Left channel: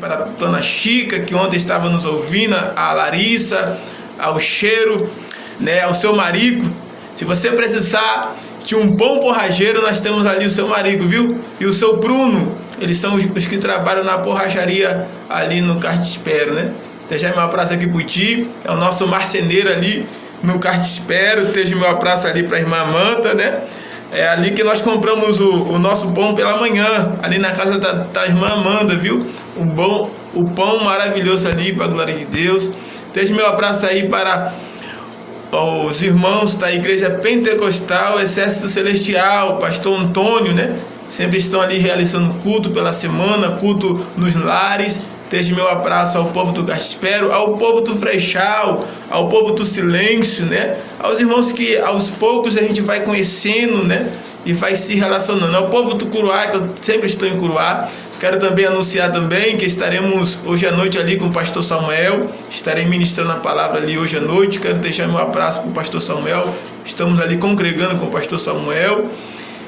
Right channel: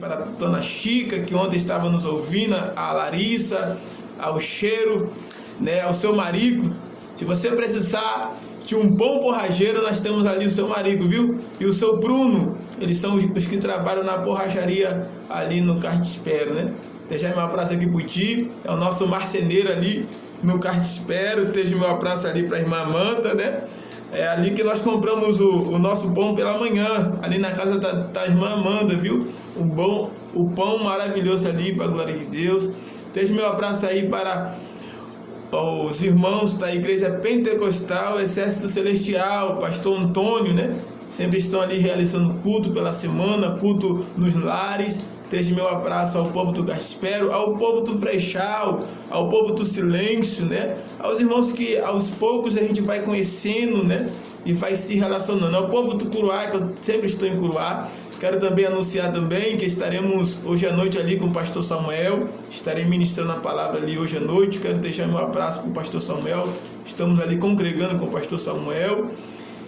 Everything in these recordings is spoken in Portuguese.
Para a dona Chica, que ontem estava nos ouvindo, a Larissa, ao Cheiro, né, ao seu marido. Se você precisar de um bom borracheiro, nós temos ali o seu marido, viu? E o seu Bruno, eles são os que trabalham na borracharia ali no Cartispero, né? Deixa meu abraço aqui pro Ti, é o nosso marceneiro ali no Cartispero. Deixa meu abraço ali para a irmã Amanda, né? É ali que nós compramos o nosso pão pela manhã, ali na casa da irmã Amanda, viu? O pão maravilhoso ali, para a glória de Deus. Deixa meu abraço aí para os irmãos da Igreja Pentecostal, Exército Celestial, Pastor Antônio, né? Sempre estão ali realizando culto pela semana, culto nos lares. Deixe meu abraço ao povo do Gaspero, ao povo do Freixal, ao povo do Silêncio, né? Aos irmãos que aos poucos a gente vai conhecendo, né? E vai se relacionando. Ao povo do Curuá, que eu sempre estou em Curuá. Quero também anunciar também que estaremos hoje à noite ali com o pastor Samuel. Estarei ministrando a palavra ali hoje à noite. Quero deixar meu abraço para o pastor Samuel. Estamos ali congregando com o pastor Samuel,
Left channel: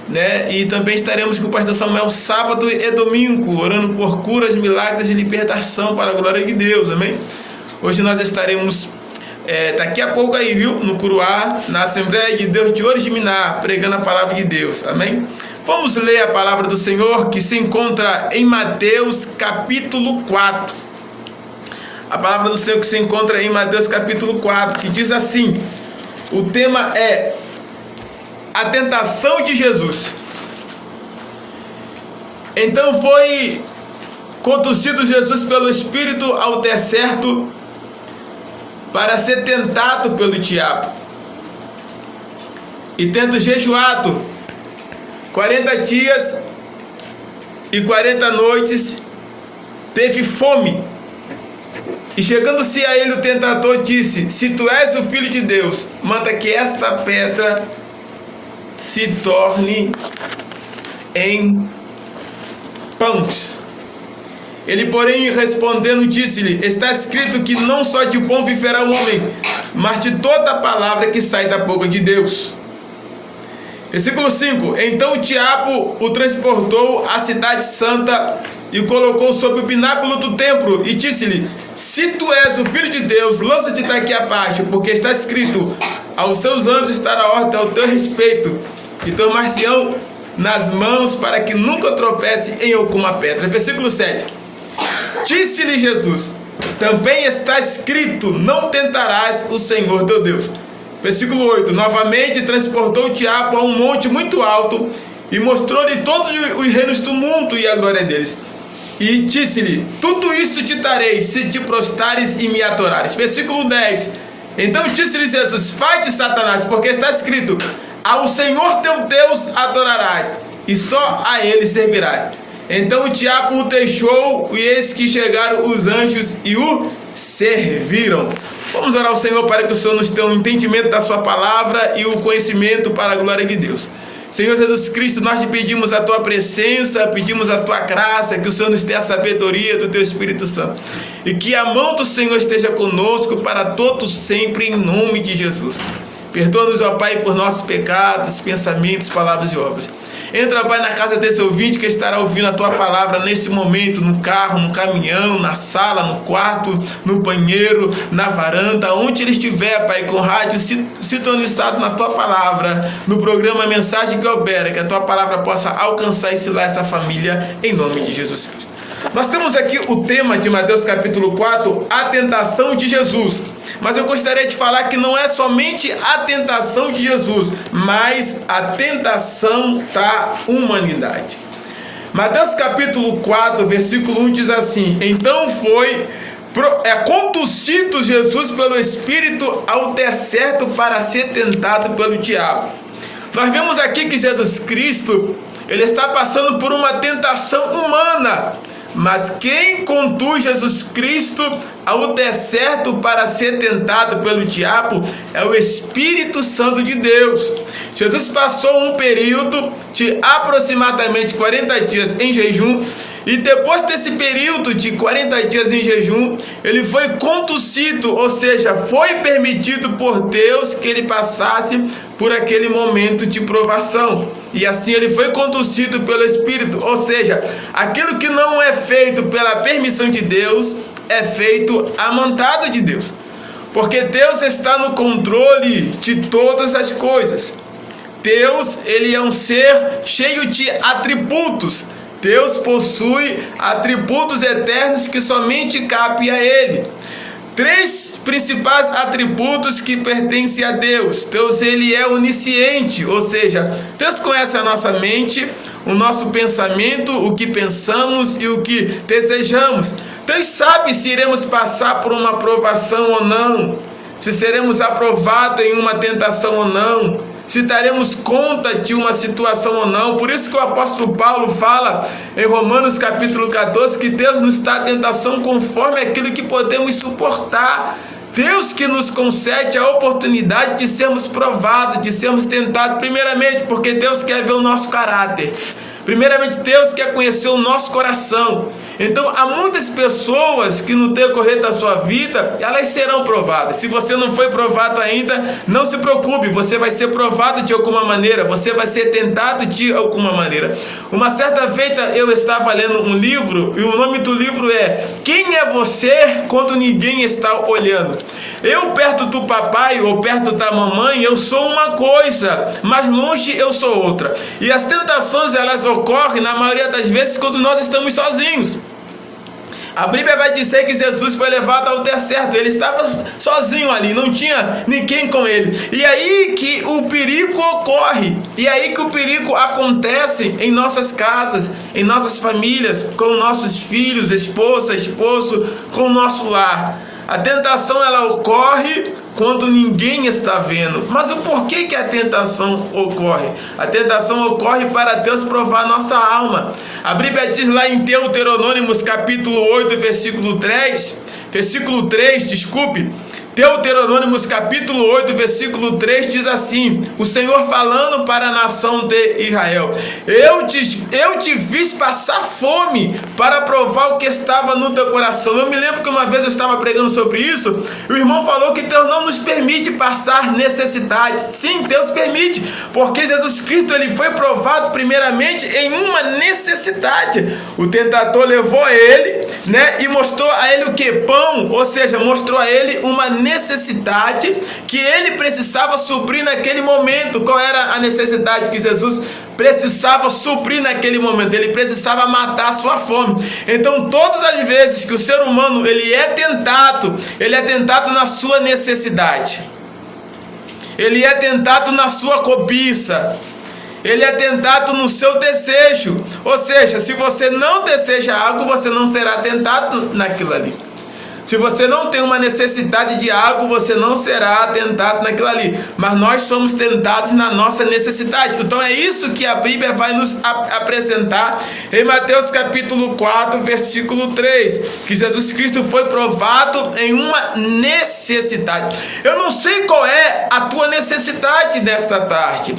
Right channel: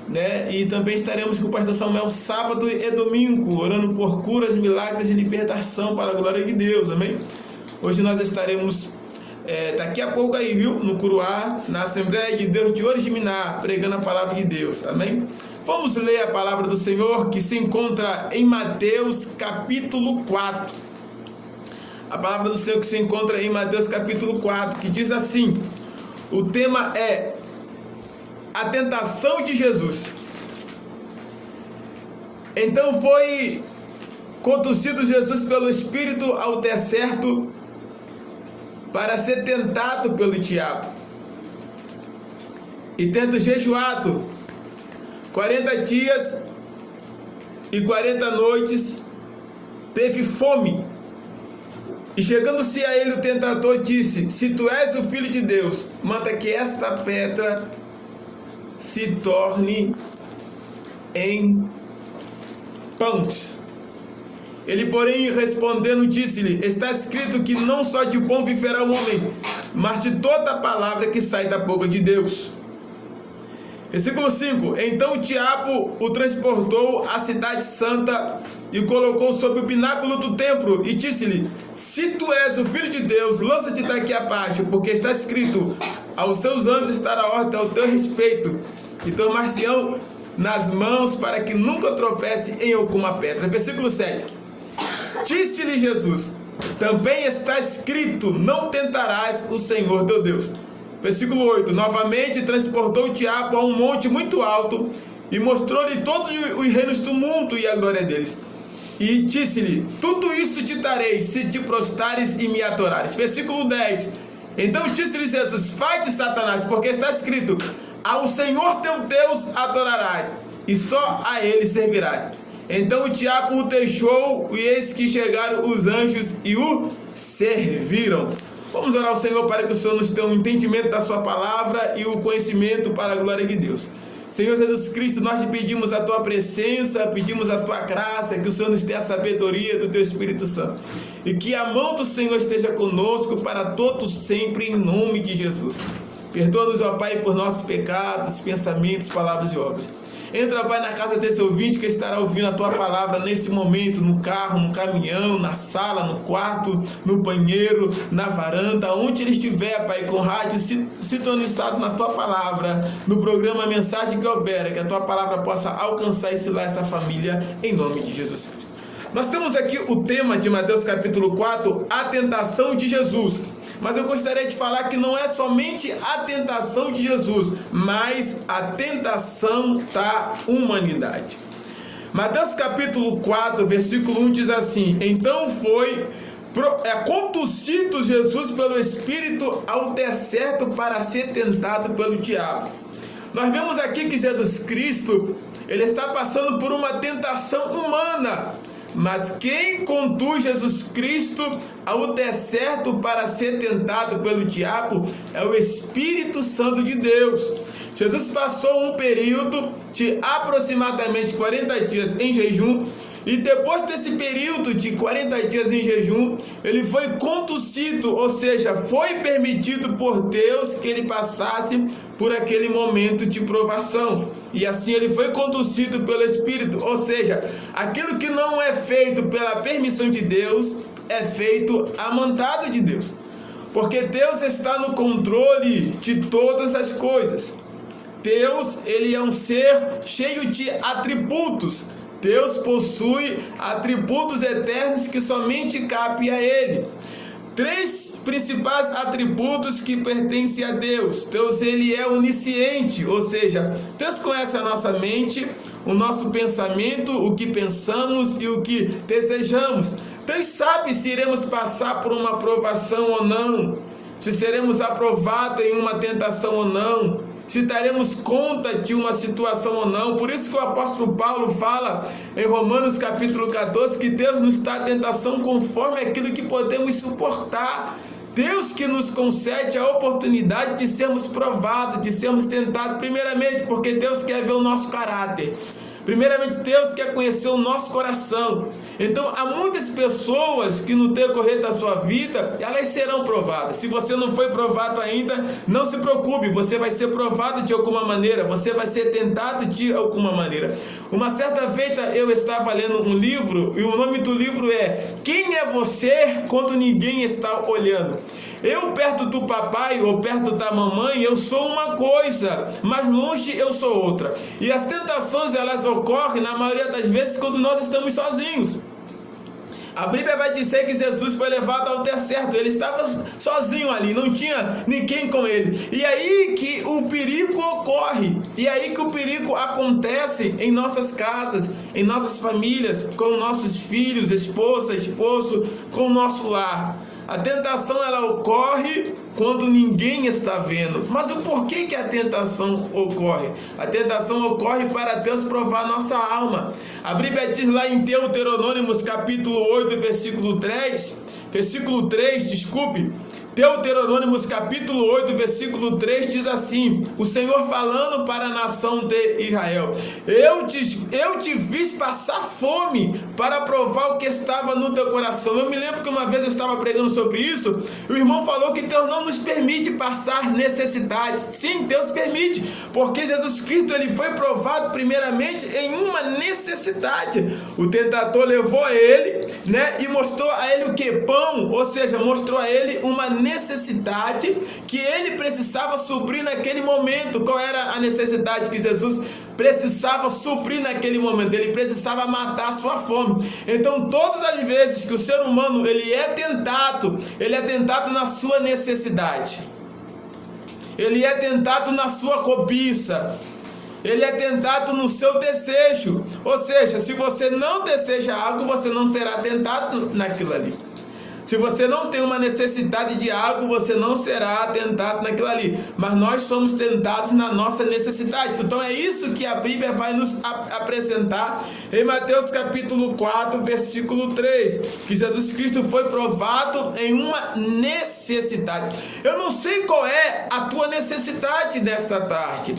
né? E também estaremos com o pastor Samuel sábado e domingo, orando por curas, milagres e libertação para a glória de Deus, amém? Hoje nós estaremos daqui a pouco aí, viu? No Curuá, na Assembleia de Deus de Oriximiná, pregando a palavra de Deus, amém? Vamos ler a palavra do Senhor que se encontra em Mateus capítulo 4. A palavra do Senhor que se encontra em Mateus capítulo 4, que diz assim: o tema é a tentação de Jesus. Então foi conduzido Jesus pelo Espírito ao deserto para ser tentado pelo diabo. E tendo jejuado 40 dias e 40 noites, teve fome. E chegando-se a ele o tentador disse: se tu és o Filho de Deus, manda que esta pedra se torne em pães. Ele, porém, respondendo, disse-lhe: está escrito que não só de pão viverá o homem, mas de toda a palavra que sai da boca de Deus. Versículo 5: então o diabo o transportou à cidade santa e o colocou sobre o pináculo do templo e disse-lhe: se tu és o Filho de Deus, lança-te daqui abaixo, porque está escrito: aos seus anjos estará ordem ao teu respeito, e tomar-se-ão nas mãos para que nunca tropece em alguma pedra. Versículo 7: disse-lhe Jesus: também está escrito: não tentarás o Senhor teu Deus. Versículo 8: novamente transportou o diabo a um monte muito alto e mostrou-lhe todos os reinos do mundo e a glória deles. E disse-lhe: tudo isto te darei se te prostrares e me adorares. Versículo 10: então disse-lhe Jesus: vai-te, Satanás, porque está escrito: ao Senhor teu Deus adorarás, e só a ele servirás. Então o diabo o deixou, e eis que chegaram os anjos e o serviram. Vamos orar ao Senhor para que o Senhor nos dê um entendimento da sua palavra e o conhecimento para a glória de Deus. Senhor Jesus Cristo, nós te pedimos a tua presença, pedimos a tua graça, que o Senhor nos dê a sabedoria do teu Espírito Santo. E que a mão do Senhor esteja conosco para todos sempre, em nome de Jesus. Perdoa-nos, ó Pai, por nossos pecados, pensamentos, palavras e obras. Entra, Pai, na casa desse ouvinte que estará ouvindo a Tua palavra nesse momento, no carro, no caminhão, na sala, no quarto, no banheiro, na varanda, onde ele estiver, Pai, com o rádio sintonizado na Tua palavra, no programa Mensagem que Opera, que a Tua palavra possa alcançar e selar essa família, em nome de Jesus Cristo. Nós temos aqui o tema de Mateus capítulo 4, a tentação de Jesus. Mas eu gostaria de falar que não é somente a tentação de Jesus, mas a tentação da humanidade. Mateus capítulo 4, versículo 1 diz assim: então foi conduzido Jesus pelo Espírito ao deserto para ser tentado pelo diabo. Nós vemos aqui que Jesus Cristo, ele está passando por uma tentação humana. Mas quem conduz Jesus Cristo ao deserto para ser tentado pelo diabo é o Espírito Santo de Deus. Jesus passou um período de aproximadamente 40 dias em jejum E depois desse período de 40 dias em jejum, ele foi conduzido, ou seja, foi permitido por Deus que ele passasse por aquele momento de provação. E assim ele foi conduzido pelo Espírito, ou seja, aquilo que não é feito pela permissão de Deus, é feito a vontade de Deus. Porque Deus está no controle de todas as coisas. Deus, ele é um ser cheio de atributos. Deus possui atributos eternos que somente cabem a ele. 3 principais atributos que pertencem a Deus. Deus, ele é onisciente, ou seja, Deus conhece a nossa mente, o nosso pensamento, o que pensamos e o que desejamos. Deus sabe se iremos passar por uma provação ou não, se seremos aprovados em uma tentação ou não, se daremos conta de uma situação ou não. Por isso que o apóstolo Paulo fala em Romanos capítulo 14 que Deus nos dá tentação conforme aquilo que podemos suportar. Deus que nos concede a oportunidade de sermos provados, de sermos tentados, primeiramente porque Deus quer ver o nosso caráter. Primeiramente, Deus quer conhecer o nosso coração. Então, há muitas pessoas que no decorrer da sua vida, elas serão provadas. Se você não foi provado ainda, não se preocupe, você vai ser provado de alguma maneira, você vai ser tentado de alguma maneira. Uma certa feita eu estava lendo um livro, e o nome do livro é Quem é Você Quando Ninguém Está Olhando? Eu perto do papai ou perto da mamãe, eu sou uma coisa, mas longe eu sou outra. E as tentações, elas ocorrem na maioria das vezes quando nós estamos sozinhos. A Bíblia vai dizer que Jesus foi levado ao deserto, ele estava sozinho ali, não tinha ninguém com ele. E aí que o perigo ocorre, e aí que o perigo acontece em nossas casas, em nossas famílias, com nossos filhos, esposa, esposo, com o nosso lar. A tentação, ela ocorre quando ninguém está vendo. Mas o porquê que a tentação ocorre? A tentação ocorre para Deus provar nossa alma. A Bíblia diz lá em Deuteronômio capítulo 8, versículo 3, Deuteronômio capítulo 8, versículo 3 diz assim: o Senhor falando para a nação de Israel: eu te fiz passar fome para provar o que estava no teu coração. Eu me lembro que uma vez eu estava pregando sobre isso, e o irmão falou que Deus não nos permite passar necessidade. Sim, Deus permite, porque Jesus Cristo, ele foi provado primeiramente em uma necessidade. O tentador levou a ele, e mostrou a ele o que? Pão, ou seja, mostrou a ele uma necessidade que ele precisava suprir naquele momento. Qual era a necessidade que Jesus precisava suprir naquele momento? Ele precisava matar a sua fome. Então, todas as vezes que o ser humano ele é tentado na sua necessidade, ele é tentado na sua cobiça, ele é tentado no seu desejo. Ou seja, se você não deseja algo, você não será tentado naquilo ali. Se você não tem uma necessidade de algo, você não será tentado naquilo ali. Mas nós somos tentados na nossa necessidade. Então é isso que a Bíblia vai nos apresentar em Mateus capítulo 4, versículo 3. Que Jesus Cristo foi provado em uma necessidade. Eu não sei qual é a tua necessidade nesta tarde.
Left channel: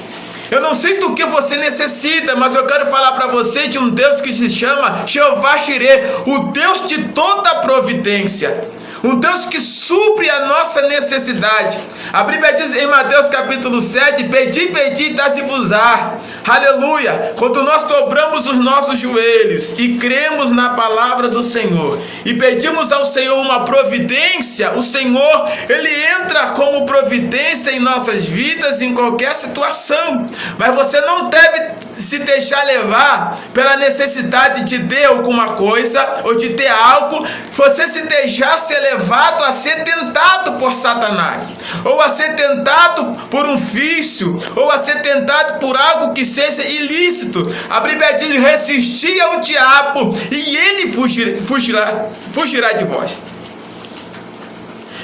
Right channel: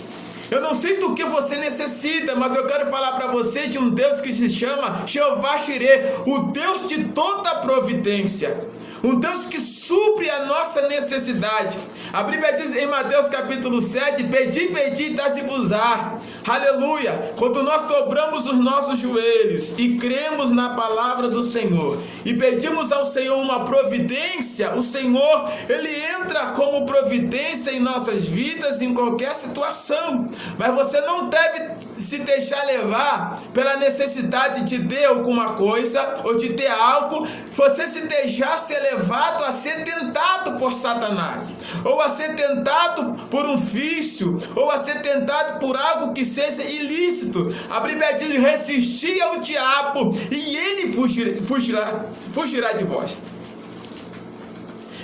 Eu não sei do que você necessita, mas eu quero falar para você de um Deus que se chama Jeová Jireh, o Deus de toda providência. Um Deus que supre a nossa necessidade. A Bíblia diz em Mateus capítulo 7, pedi, dá-se-vos-á. Aleluia! Quando nós dobramos os nossos joelhos e cremos na palavra do Senhor e pedimos ao Senhor uma providência, o Senhor, ele entra como providência em nossas vidas, em qualquer situação. Mas você não deve se deixar levar pela necessidade de ter alguma coisa ou de ter algo. Você se deixar ser levado a ser tentado por Satanás, ou a ser tentado por um vício, ou a ser tentado por algo que seja ilícito. A Bíblia diz: resistir ao diabo e ele fugirá de vós.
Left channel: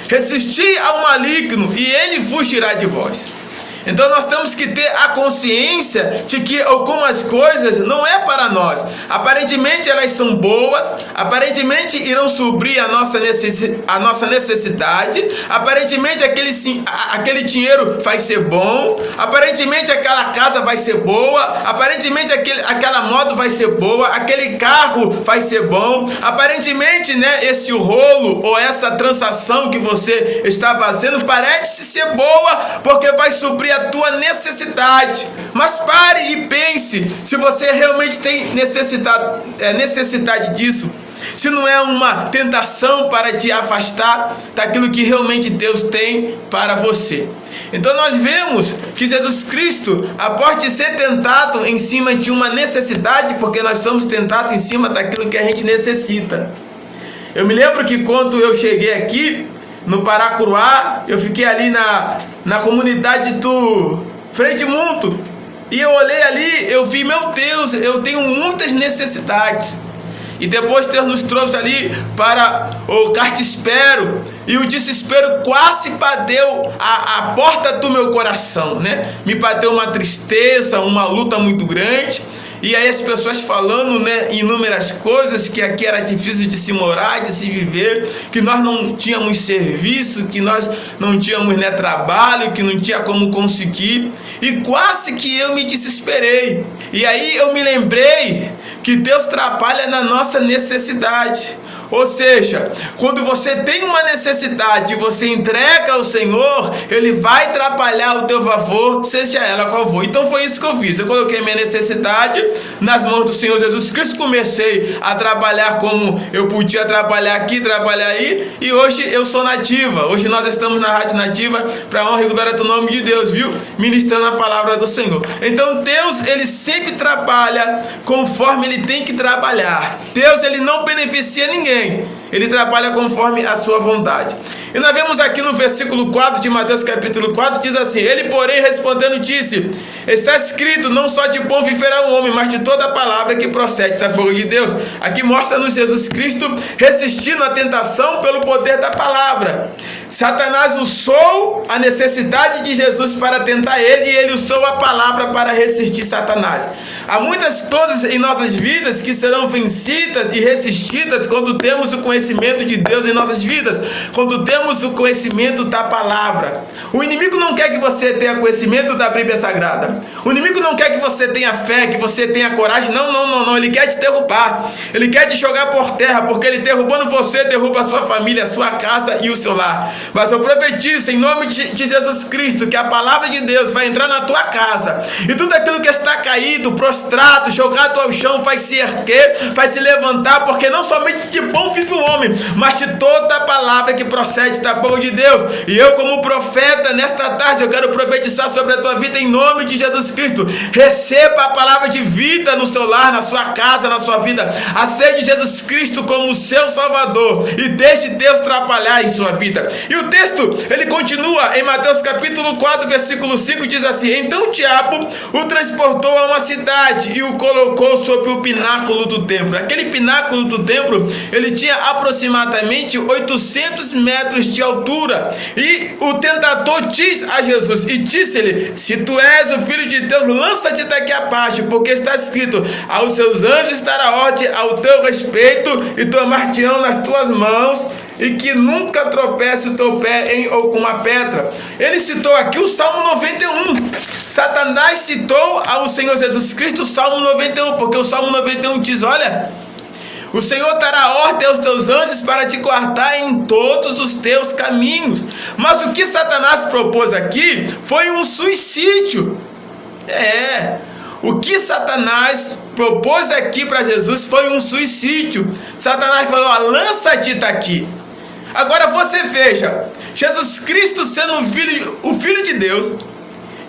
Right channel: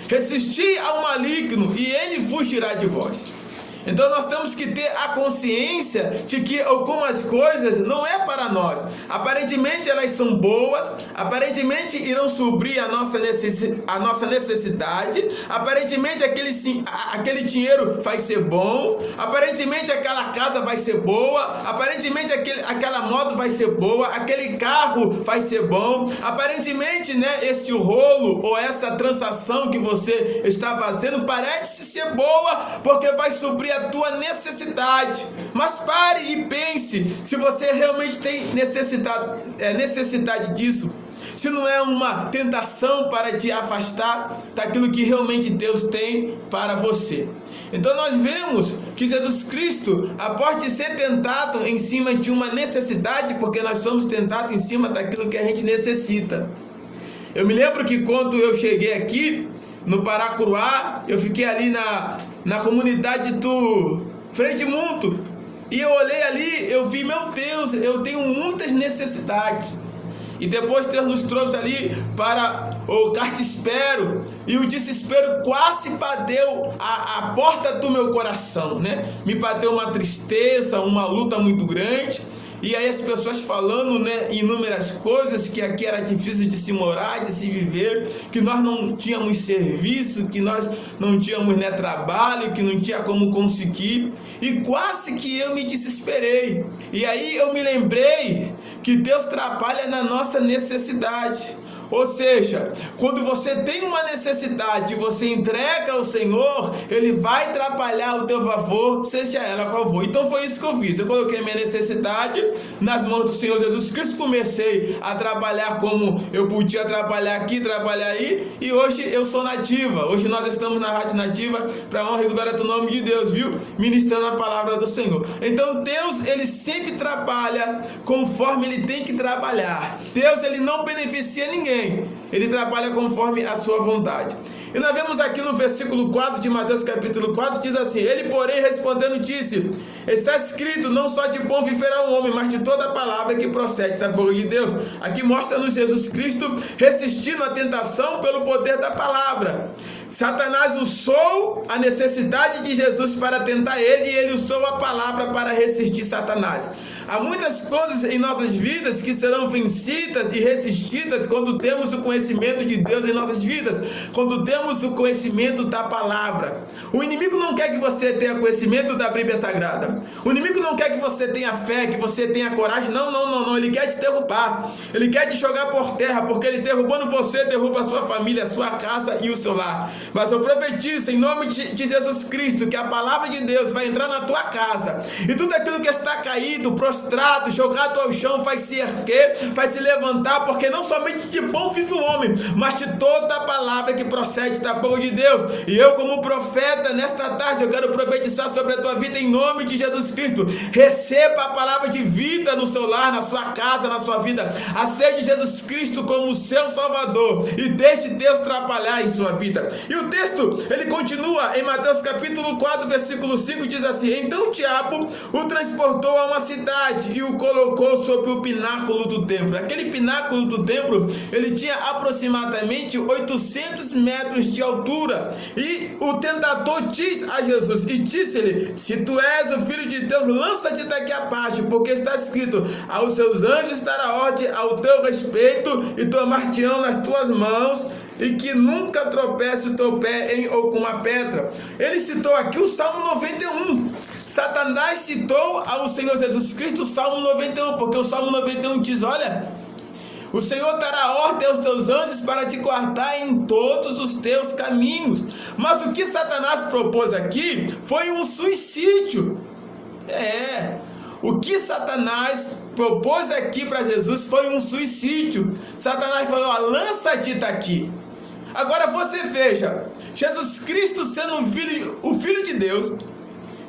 Resistir ao maligno e ele fugirá de vós. Então nós temos que ter a consciência de que algumas coisas não é para nós. Aparentemente elas são boas, aparentemente irão suprir a nossa necessidade, aparentemente aquele dinheiro vai ser bom, aparentemente aquela casa vai ser boa, aparentemente aquela moto vai ser boa, aquele carro vai ser bom, aparentemente, né, esse rolo ou essa transação que você está fazendo parece ser boa porque vai suprir a tua necessidade. Mas pare e pense se você realmente tem necessidade disso, se não é uma tentação para te afastar daquilo que realmente Deus tem para você. Então nós vemos que Jesus Cristo, após de ser tentado em cima de uma necessidade, porque nós somos tentados em cima daquilo que a gente necessita. Eu me lembro que quando eu cheguei aqui no Paracuruá, eu fiquei ali na comunidade do Frei Edmundo, e eu olhei ali, eu vi, meu Deus, eu tenho muitas necessidades. E depois Deus nos trouxe ali para o cartispero, e o desespero quase bateu a porta do meu coração, né? Me bateu uma tristeza, uma luta muito grande. E aí as pessoas falando, né, inúmeras coisas, que aqui era difícil de se morar, de se viver, que nós não tínhamos serviço, que nós não tínhamos, né, trabalho, que não tinha como conseguir. E quase que eu me desesperei. E aí eu me lembrei que Deus trabalha na nossa necessidade. Ou seja, quando você tem uma necessidade e você entrega ao Senhor, Ele vai trabalhar ao teu favor, seja ela qual for. Então foi isso que eu fiz. Eu coloquei minha necessidade nas mãos do Senhor Jesus Cristo, comecei a trabalhar como eu podia trabalhar aqui, trabalhar aí, e hoje eu sou nativa. Hoje nós estamos na Rádio Nativa, para a honra e glória do nome de Deus, viu? Ministrando a palavra do Senhor. Então Deus, Ele sempre trabalha conforme Ele tem que trabalhar. Deus, Ele não beneficia ninguém. Ele trabalha conforme a sua vontade. E nós vemos aqui no versículo 4 de Mateus capítulo 4, diz assim: Ele, porém, respondendo, disse: Está escrito, não só de pão viverá o homem, mas de toda a palavra que procede da boca de Deus. Aqui mostra-nos Jesus Cristo resistindo à tentação pelo poder da palavra. Satanás usou a necessidade de Jesus para tentar ele, e ele usou a palavra para resistir Satanás. Há muitas coisas em nossas vidas que serão vencidas e resistidas quando temos o conhecimento de Deus em nossas vidas, quando temos o conhecimento da palavra. O inimigo não quer que você tenha conhecimento da Bíblia Sagrada. O inimigo não quer que você tenha fé, que você tenha coragem. Não. Ele quer te derrubar. Ele quer te jogar por terra, porque ele derrubando você, derruba a sua família, a sua casa e o seu lar. Mas eu profetizo em nome de Jesus Cristo que a palavra de Deus vai entrar na tua casa, e tudo aquilo que está caído, prostrado, jogado ao chão, vai se erguer, vai se levantar, porque não somente de pão vive o homem, mas de toda a palavra que procede da boca de Deus. E eu, como profeta, nesta tarde eu quero profetizar sobre a tua vida em nome de Jesus Cristo. Receba a palavra de vida no seu lar, na sua casa, na sua vida. Aceite Jesus Cristo como seu Salvador e deixe Deus trabalhar em sua vida. E o texto, ele continua em Mateus capítulo 4, versículo 5, diz assim: Então o diabo o transportou a uma cidade e o colocou sobre o pináculo do templo. Aquele pináculo do templo, ele tinha aproximadamente 800 metros de altura. E o tentador diz a Jesus, e disse-lhe: Se tu és o Filho de Deus, lança-te daqui abaixo, porque está escrito: Aos seus anjos dará ordem ao teu respeito, e tomar-te-ão nas tuas mãos, e que nunca tropece o teu pé em alguma pedra. Ele citou aqui o Salmo 91. Satanás citou ao Senhor Jesus Cristo o Salmo 91, porque o Salmo 91 diz: Olha, o Senhor dará ordem aos teus anjos para te guardar em todos os teus caminhos. Mas o que Satanás propôs aqui foi um suicídio. O que Satanás propôs aqui para Jesus foi um suicídio. Satanás falou: lança-te daqui. Agora você veja, Jesus Cristo sendo o Filho de Deus,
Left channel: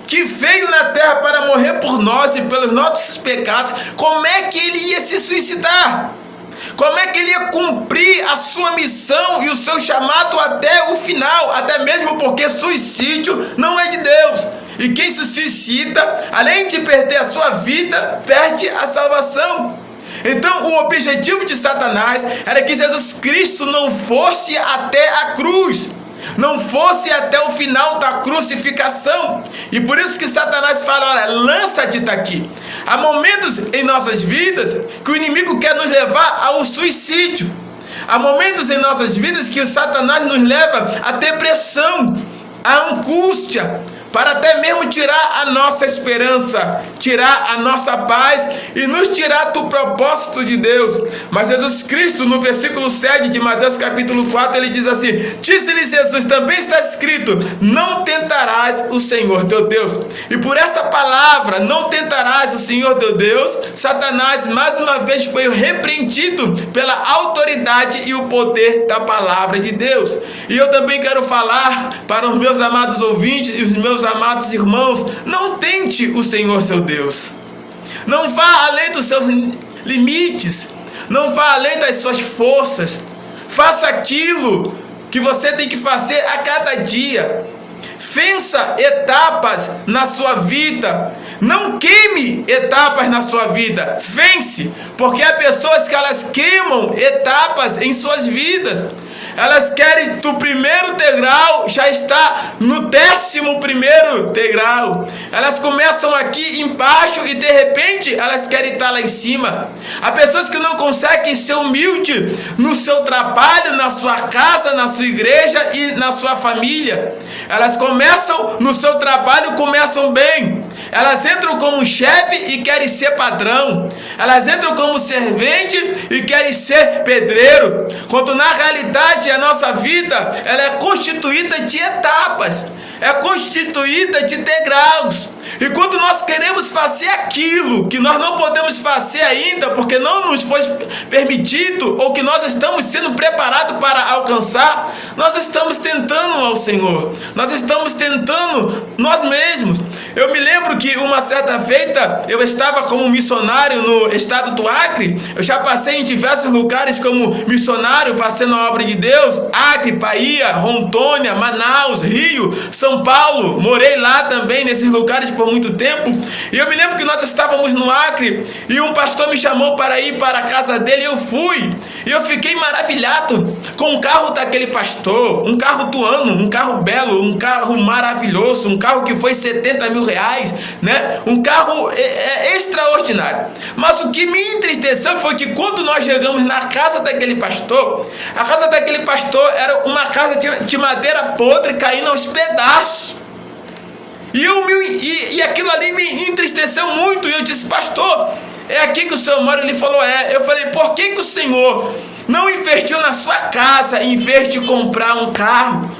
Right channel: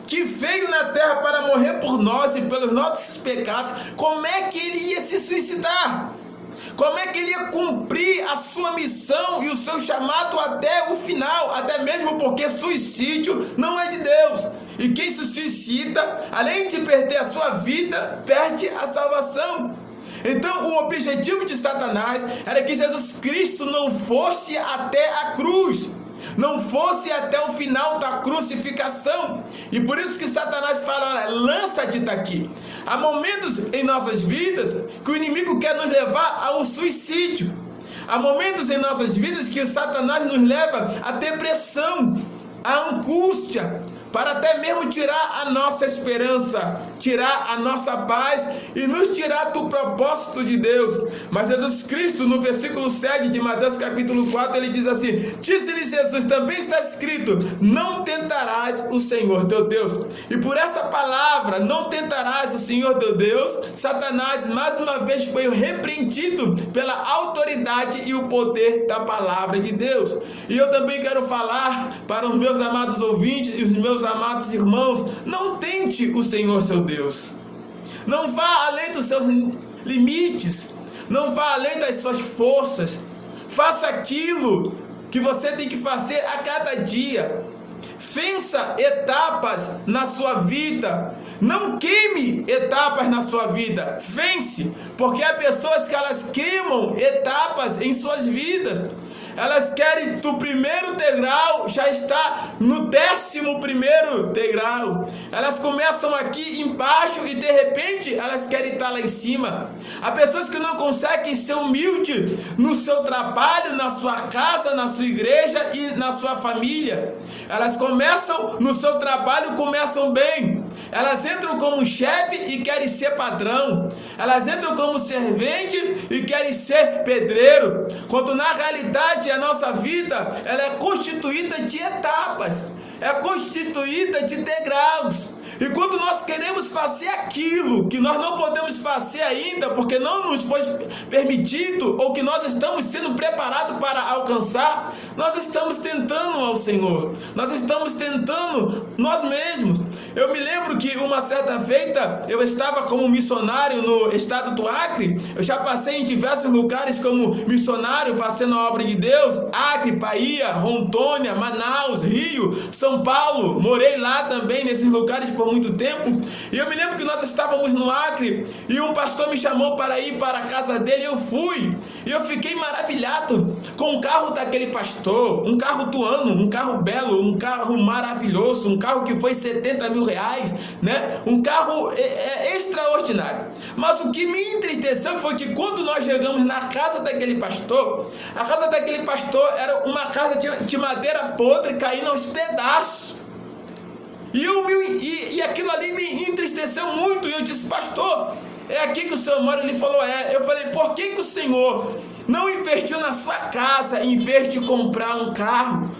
que veio na terra para morrer por nós e pelos nossos pecados, como é que ele ia se suicidar? Como é que ele ia cumprir a sua missão e o seu chamado até o final? Até mesmo porque suicídio não é de Deus. E quem se suicida, além de perder a sua vida, perde a salvação. Então o objetivo de Satanás era que Jesus Cristo não fosse até a cruz. não fosse até o final da crucificação. E por isso que Satanás fala: olha, lança-te daqui. Há momentos em nossas vidas que o inimigo quer nos levar ao suicídio. Há momentos em nossas vidas que o Satanás nos leva à depressão, à angústia, para até mesmo tirar a nossa esperança, tirar a nossa paz e nos tirar do propósito de Deus. Mas Jesus Cristo, no versículo 7 de Mateus capítulo 4, ele diz assim: disse-lhe Jesus, também está escrito, não tentarás o Senhor teu Deus. E por esta palavra, não tentarás o Senhor teu Deus, Satanás mais uma vez foi repreendido pela autoridade e o poder da palavra de Deus. E eu também quero falar para os meus amados ouvintes e os meus amados irmãos: não tente o Senhor seu Deus. Não vá além dos seus limites. Não vá além das suas forças. Faça aquilo que você tem que fazer a cada dia. Vença etapas na sua vida. Não queime etapas na sua vida. Vence, porque há pessoas que elas queimam etapas em suas vidas. Elas querem do primeiro degrau, já está no 11º degrau. Elas começam aqui embaixo e de repente elas querem estar lá em cima. Há pessoas que não conseguem ser humildes no seu trabalho, na sua casa, na sua igreja e na sua família. Elas começam no seu trabalho, começam bem. Elas entram como chefe e querem ser padrão. Elas entram como servente e querem ser pedreiro. Quando na realidade a nossa vida, ela é constituída de etapas. É constituída de degraus. E quando nós queremos fazer aquilo que nós não podemos fazer ainda, porque não nos foi permitido, ou que nós estamos sendo preparados para alcançar, nós estamos tentando ao Senhor. Nós estamos tentando nós mesmos. Eu me lembro que uma certa feita, eu estava como missionário no estado do Acre. Eu já passei em diversos lugares como missionário, fazendo a obra de Deus. Acre, Bahia, Rondônia, Manaus, Rio, São Paulo. Morei lá também, nesses lugares por muito tempo. E eu me lembro que nós estávamos no Acre e um pastor me chamou para ir para a casa dele. Eu fui e eu fiquei maravilhado com o carro daquele pastor. Um carro do ano, um carro belo, um carro maravilhoso, um carro que foi 70 mil reais, né? Um carro extraordinário. Mas o que me entristeceu foi que quando nós chegamos na casa daquele pastor, a casa daquele pastor era uma casa de madeira podre caindo aos pedaços. E aquilo ali me entristeceu muito. E eu disse: pastor, é aqui que o senhor mora? Ele falou: é. Eu falei: por que o senhor não investiu na sua casa em vez de comprar um carro?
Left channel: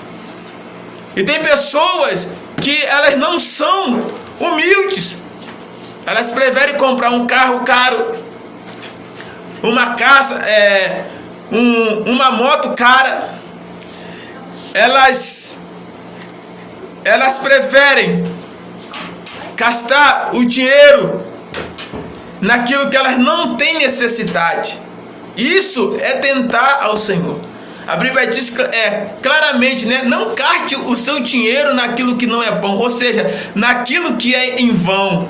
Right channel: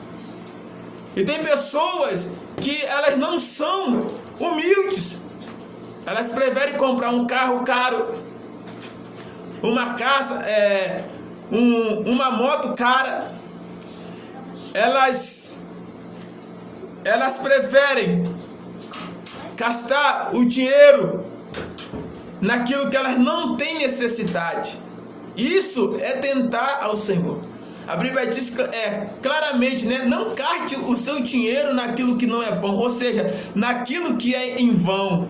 E tem pessoas que elas não são humildes. Elas preferem comprar um carro caro, uma casa, uma moto cara. Elas preferem gastar o dinheiro naquilo que elas não têm necessidade. Isso é tentar ao Senhor. A Bíblia diz claramente, né? Não gaste o seu dinheiro naquilo que não é bom, ou seja, naquilo que é em vão.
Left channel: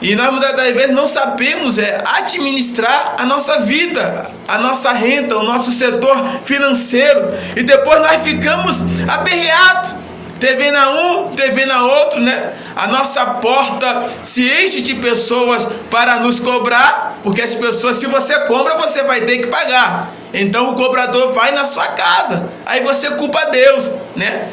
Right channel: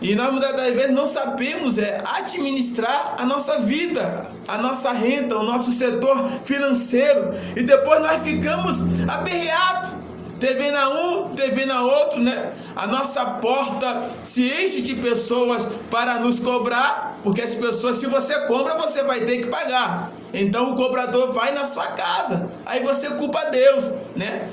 E nós muitas das vezes não sabemos administrar a nossa vida, a nossa renda, o nosso setor financeiro. E depois nós ficamos aperreados, devendo a um, devendo a outro, né? A nossa porta se enche de pessoas para nos cobrar, porque as pessoas, se você compra, você vai ter que pagar. Então o cobrador vai na sua casa, aí você culpa Deus, né?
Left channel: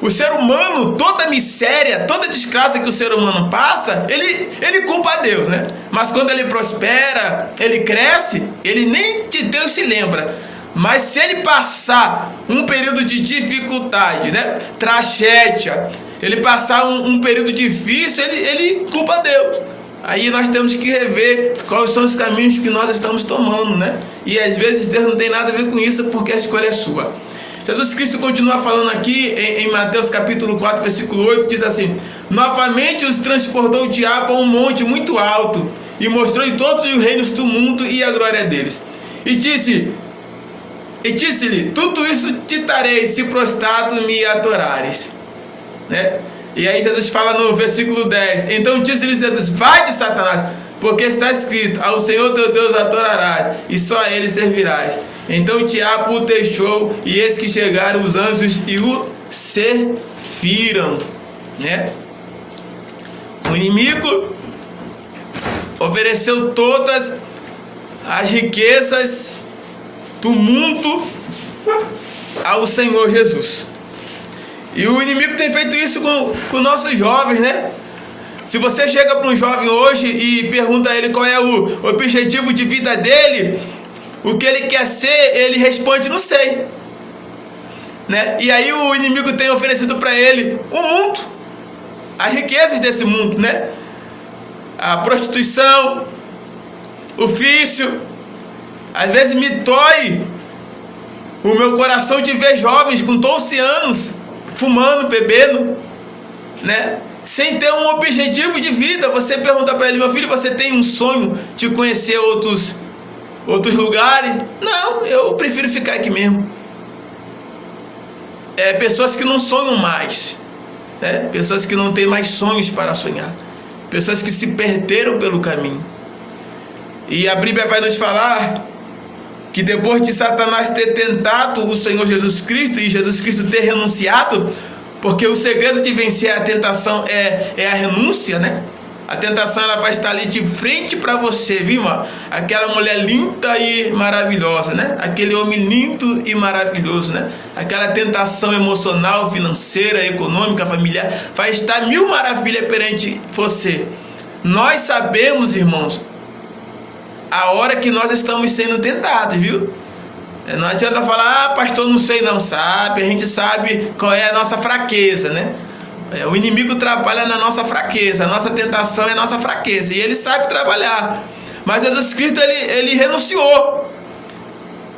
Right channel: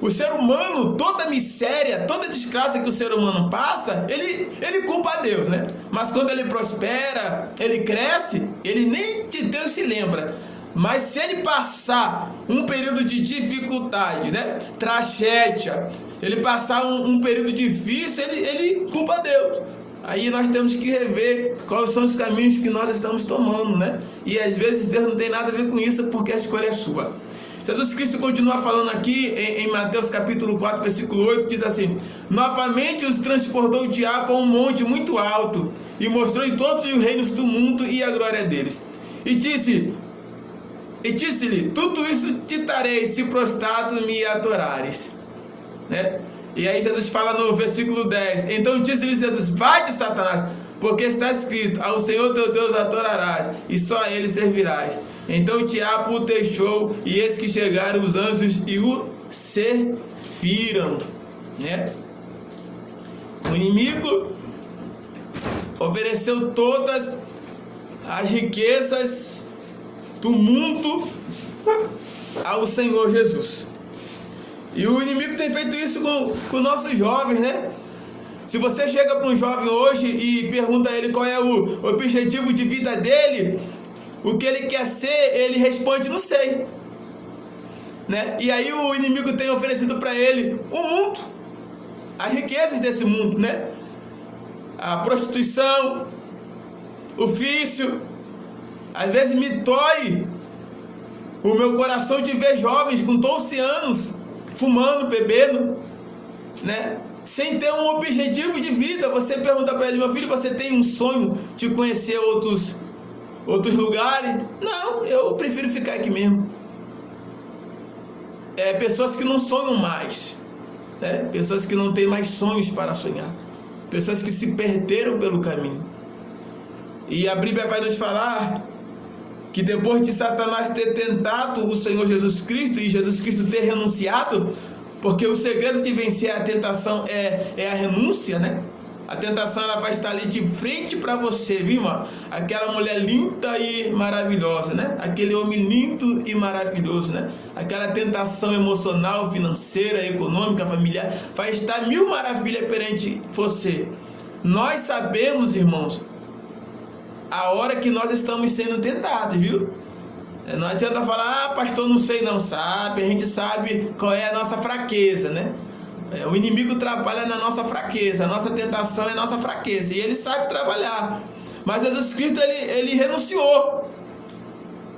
O ser humano, toda miséria, toda desgraça que o ser humano passa, ele culpa a Deus, né? Mas quando ele prospera, ele cresce, ele nem de Deus se lembra. Mas se ele passar um período de dificuldade, né? Tragédia, ele passar um período difícil, ele culpa Deus. Aí nós temos que rever quais são os caminhos que nós estamos tomando, né? E às vezes Deus não tem nada a ver com isso, porque a escolha é sua. Jesus Cristo continua falando aqui em Mateus capítulo 4, versículo 8, diz assim: novamente os transportou o diabo a um monte muito alto e mostrou-lhe todos os reinos do mundo e a glória deles. E disse-lhe: tudo isso te darei se prostrado me adorares, né? E aí Jesus fala no versículo 10: então disse-lhe Jesus: vai de Satanás, porque está escrito: ao Senhor teu Deus adorarás, e só a Ele servirás. Então Tiago o deixou, e eis que chegaram os anjos e o serviram, né? O inimigo ofereceu todas as riquezas do mundo ao Senhor Jesus. E o inimigo tem feito isso com nossos jovens, né? Se você chega para um jovem hoje e pergunta a ele qual é o objetivo de vida dele, o que ele quer ser, ele responde: não sei, né? E aí o inimigo tem oferecido para ele o mundo, as riquezas desse mundo, né? A prostituição, o vício. Às vezes me dói o meu coração de ver jovens com 12 anos fumando, bebendo, né? Sem ter um objetivo de vida. Você pergunta para ele: meu filho, você tem um sonho de conhecer outros lugares? Não, eu prefiro ficar aqui mesmo. Pessoas que não sonham mais, né? Pessoas que não têm mais sonhos para sonhar, pessoas que se perderam pelo caminho. E a Bíblia vai nos falar que depois de Satanás ter tentado o Senhor Jesus Cristo e Jesus Cristo ter renunciado, porque o segredo de vencer a tentação é a renúncia, né? A tentação, ela vai estar ali de frente para você, viu, irmão? Aquela mulher linda e maravilhosa, né? Aquele homem lindo e maravilhoso, né? Aquela tentação emocional, financeira, econômica, familiar, vai estar mil maravilhas perante você. Nós sabemos, irmãos, a hora que nós estamos sendo tentados, viu? Não adianta falar: pastor, não sei não. Sabe, a gente sabe qual é a nossa fraqueza, né? O inimigo trabalha na nossa fraqueza, a nossa tentação é a nossa fraqueza, e ele sabe trabalhar. Mas Jesus Cristo, ele renunciou.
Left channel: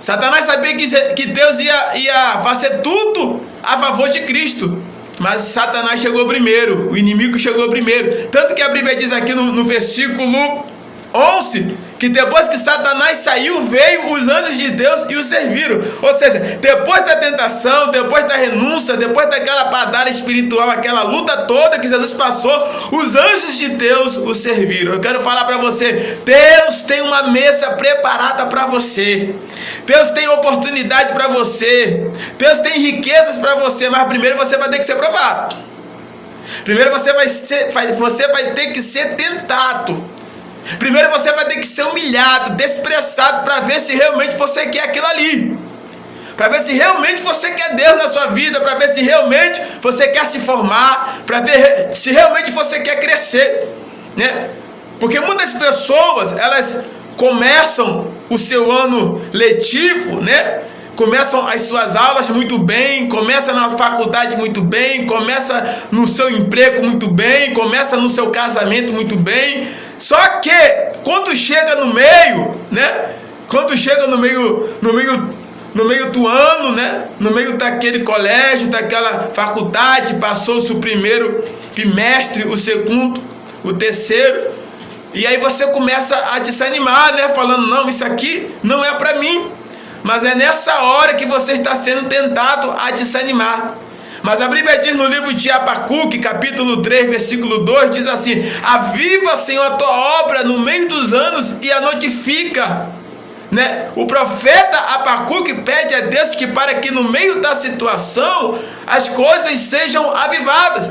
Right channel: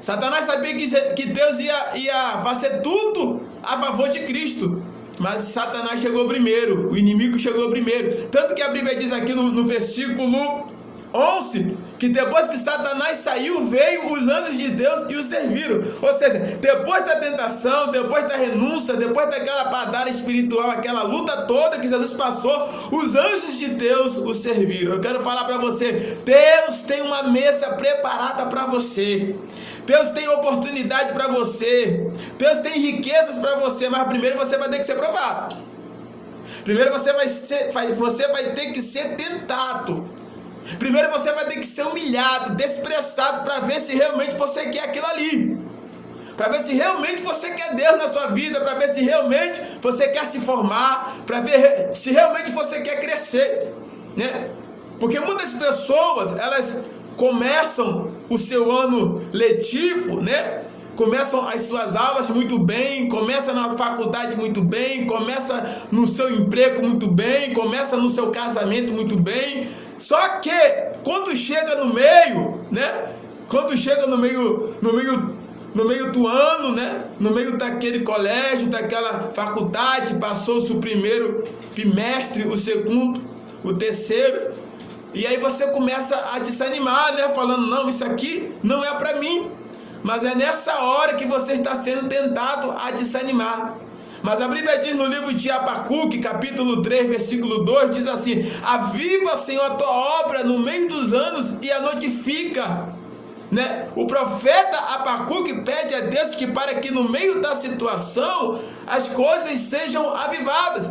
Satanás sabia que Deus ia fazer tudo a favor de Cristo, mas Satanás chegou primeiro, o inimigo chegou primeiro. Tanto que a Bíblia diz aqui no versículo 11, que depois que Satanás saiu, veio os anjos de Deus e o serviram. Ou seja, depois da tentação, depois da renúncia, depois daquela batalha espiritual, aquela luta toda que Jesus passou, os anjos de Deus o serviram. Eu quero falar para você: Deus tem uma mesa preparada para você. Deus tem oportunidade para você. Deus tem riquezas para você, mas primeiro você vai ter que ser provado. Primeiro você vai ter que ser tentado. Primeiro você vai ter que ser humilhado, desprezado, para ver se realmente você quer aquilo ali. Para ver se realmente você quer Deus na sua vida, para ver se realmente você quer se formar, para ver se realmente você quer crescer, né? Porque muitas pessoas, elas começam o seu ano letivo, né? Começam as suas aulas muito bem, começa na faculdade muito bem, começa no seu emprego muito bem, começa no seu casamento muito bem. Só que quando chega no meio, né? Quando chega no meio do ano, né? No meio daquele colégio, daquela faculdade, passou-se o primeiro bimestre, o segundo, o terceiro, e aí você começa a desanimar, né? Falando: não, isso aqui não é para mim. Mas é nessa hora que você está sendo tentado a desanimar. Mas a Bíblia diz no livro de Abacuque, capítulo 3, versículo 2, diz assim: aviva, Senhor, a tua obra no meio dos anos e a notifica, né? O profeta Abacuque pede a Deus que para que no meio da situação as coisas sejam avivadas.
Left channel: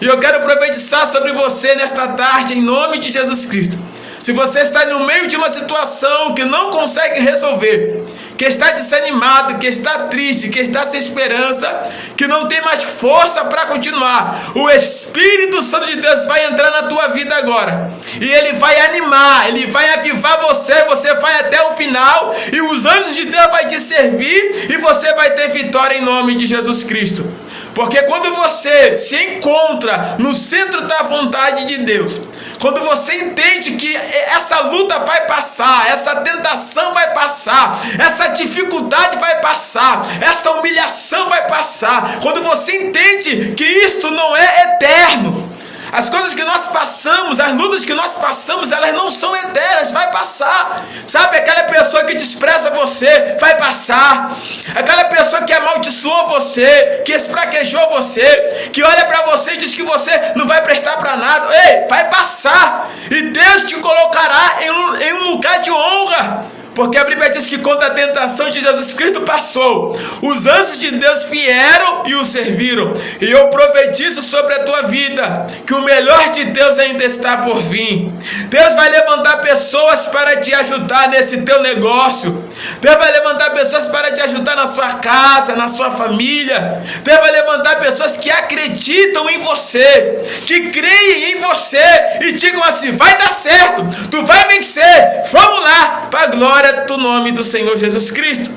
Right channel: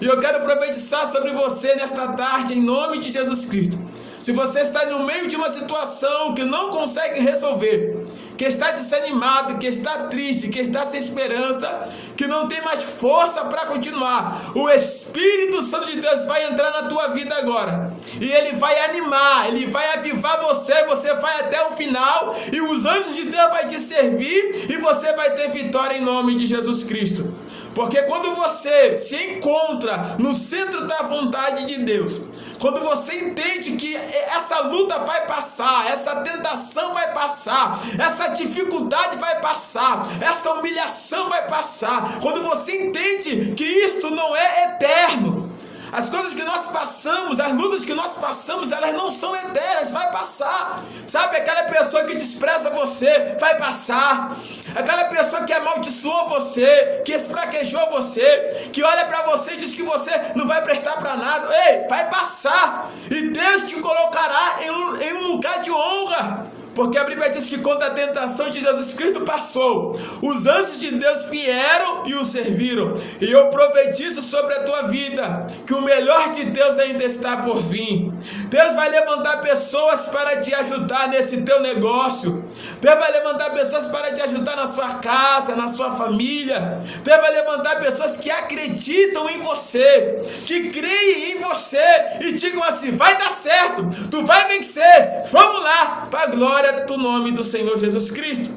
E eu quero profetizar sobre você nesta tarde, em nome de Jesus Cristo. Se você está no meio de uma situação que não consegue resolver, que está desanimado, que está triste, que está sem esperança, que não tem mais força para continuar, o Espírito Santo de Deus vai entrar na tua vida agora, e ele vai animar, ele vai avivar você, você vai até o final, e os anjos de Deus vão te servir, e você vai ter vitória em nome de Jesus Cristo. Porque quando você se encontra no centro da vontade de Deus, quando você entende que essa luta vai passar, essa tentação vai passar, essa dificuldade vai passar, essa humilhação vai passar, quando você entende que isto não é eterno, As coisas que nós passamos, as lutas que nós passamos, elas não são eternas, vai passar. Sabe, aquela pessoa que despreza você, vai passar. Aquela pessoa que amaldiçoou você, que espraquejou você, que olha para você e diz que você não vai prestar para nada, ei, vai passar. E Deus te colocará em um lugar de honra. Porque a Bíblia diz que quando a tentação de Jesus Cristo passou, os anjos de Deus vieram e o serviram. E eu profetizo sobre a tua vida que o melhor de Deus ainda está por vir. Deus vai levantar pessoas para te ajudar nesse teu negócio. Deus vai levantar pessoas para te ajudar na sua casa, na sua família. Deus vai levantar pessoas que acreditam em você, que creem em você e digam assim: vai dar certo, tu vai vencer, vamos lá, para a glória do nome do Senhor Jesus Cristo.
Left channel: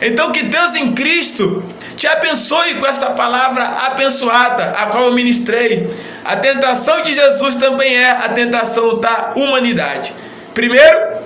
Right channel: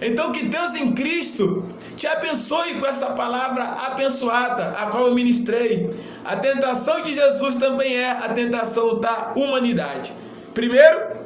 Então que Deus em Cristo te abençoe com essa palavra abençoada, a qual eu ministrei. A tentação de Jesus também é a tentação da humanidade. Primeiro,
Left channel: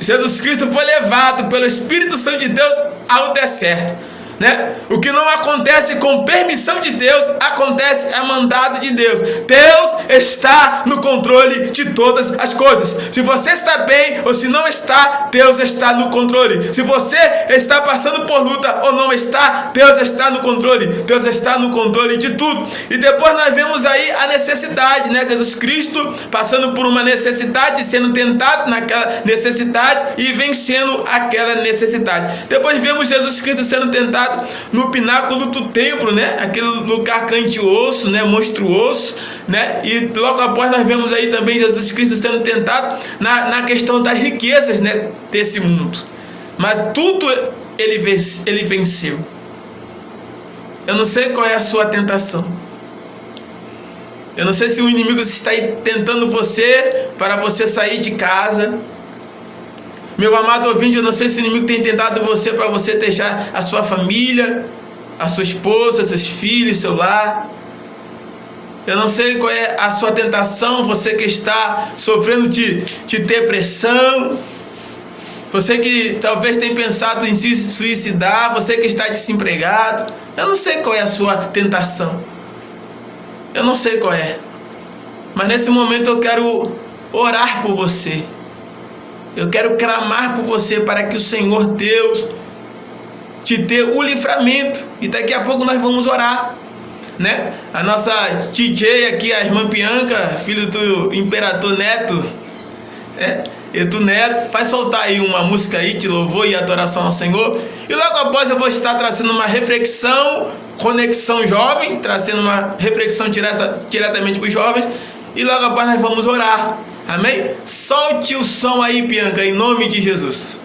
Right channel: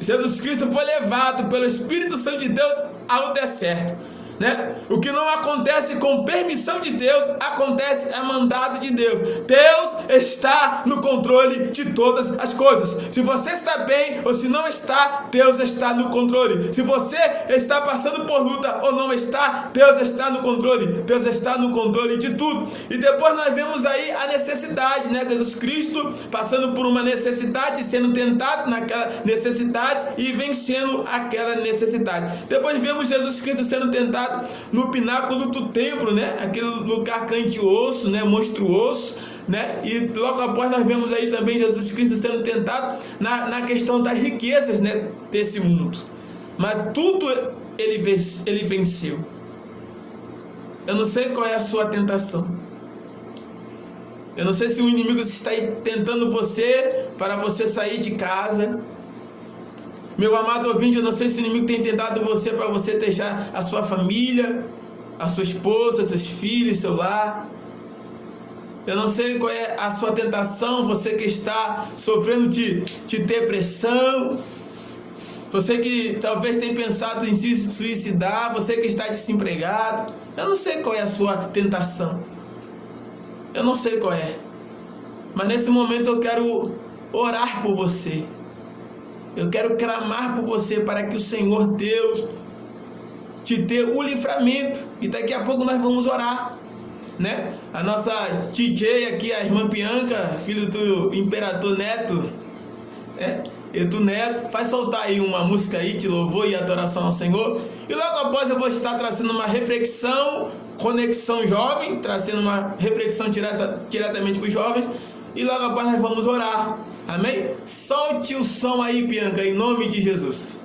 Jesus Cristo foi levado pelo Espírito Santo de Deus ao deserto, né? O que não acontece com permissão de Deus, acontece a mandado de Deus. Deus está no controle de todas as coisas. Se você está bem ou se não está, Deus está no controle. Se você está passando por luta ou não está, Deus está no controle. Deus está no controle de tudo. E depois nós vemos aí a necessidade, né? Jesus Cristo passando por uma necessidade, sendo tentado naquela necessidade e vencendo aquela necessidade. Depois vemos Jesus Cristo sendo tentado no pináculo do templo, né? Aquele lugar grandioso, né? Monstruoso, né? E logo após nós vemos aí também Jesus Cristo sendo tentado na questão das riquezas, né? Desse mundo. Mas tudo ele venceu. Eu não sei qual é a sua tentação. Eu não sei se o inimigo está tentando você para você sair de casa. Meu amado ouvinte, eu não sei se o inimigo tem tentado você para você deixar a sua família, a sua esposa, seus filhos, seu lar. Eu não sei qual é a sua tentação, você que está sofrendo de depressão, você que talvez tenha pensado em se suicidar, você que está desempregado. Eu não sei qual é a sua tentação. Eu não sei qual é. Mas nesse momento eu quero orar por você. Eu quero clamar por você para que o Senhor Deus te dê o livramento. E daqui a pouco nós vamos orar, né? A nossa DJ aqui, a irmã Bianca, filho do Imperador Neto, e do Neto, vai soltar aí uma música aí de louvor e adoração ao Senhor. E logo após eu vou estar trazendo uma reflexão, Conexão Jovem, trazendo uma reflexão diretamente para os jovens. E logo após nós vamos orar. Amém? Solte o som aí, Bianca, em nome de Jesus.